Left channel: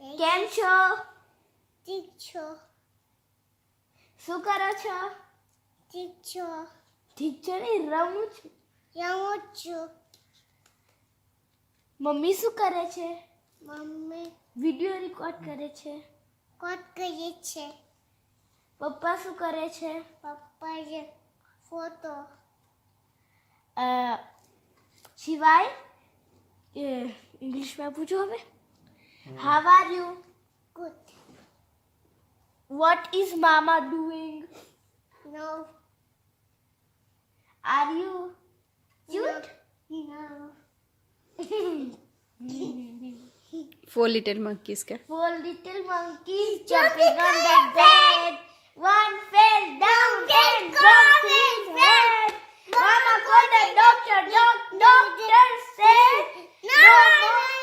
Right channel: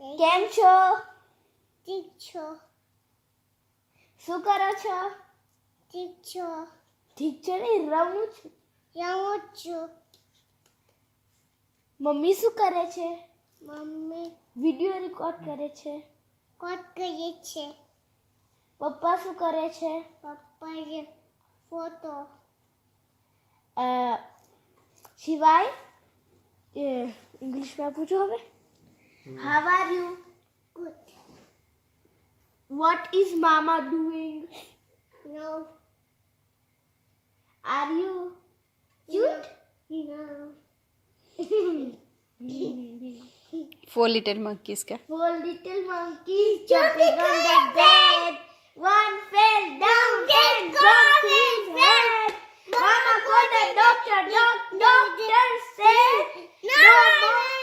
કેમ છો? ઠીક છો? શું કરો છો? ઠીક છો? ઠીક છે ને, રમું છું. રમું છું. મમ્મી શું કરે છે? મમ્મી વિડિયો રેકોર્ડ કરે છે. કોટ કરીએ છે. પપ્પા શું કરે છે? પપ્પાએ ફોટો. શિવાય ઇંગ્લિશમાં પૂછો હવે. How are you? Good. What is mama doing? No. Are you cute? No. Four little monkeys क्या? 4 little monkeys jumping on the bed. One fell down and broke his head. Mama called the doctor. Doctor said, no more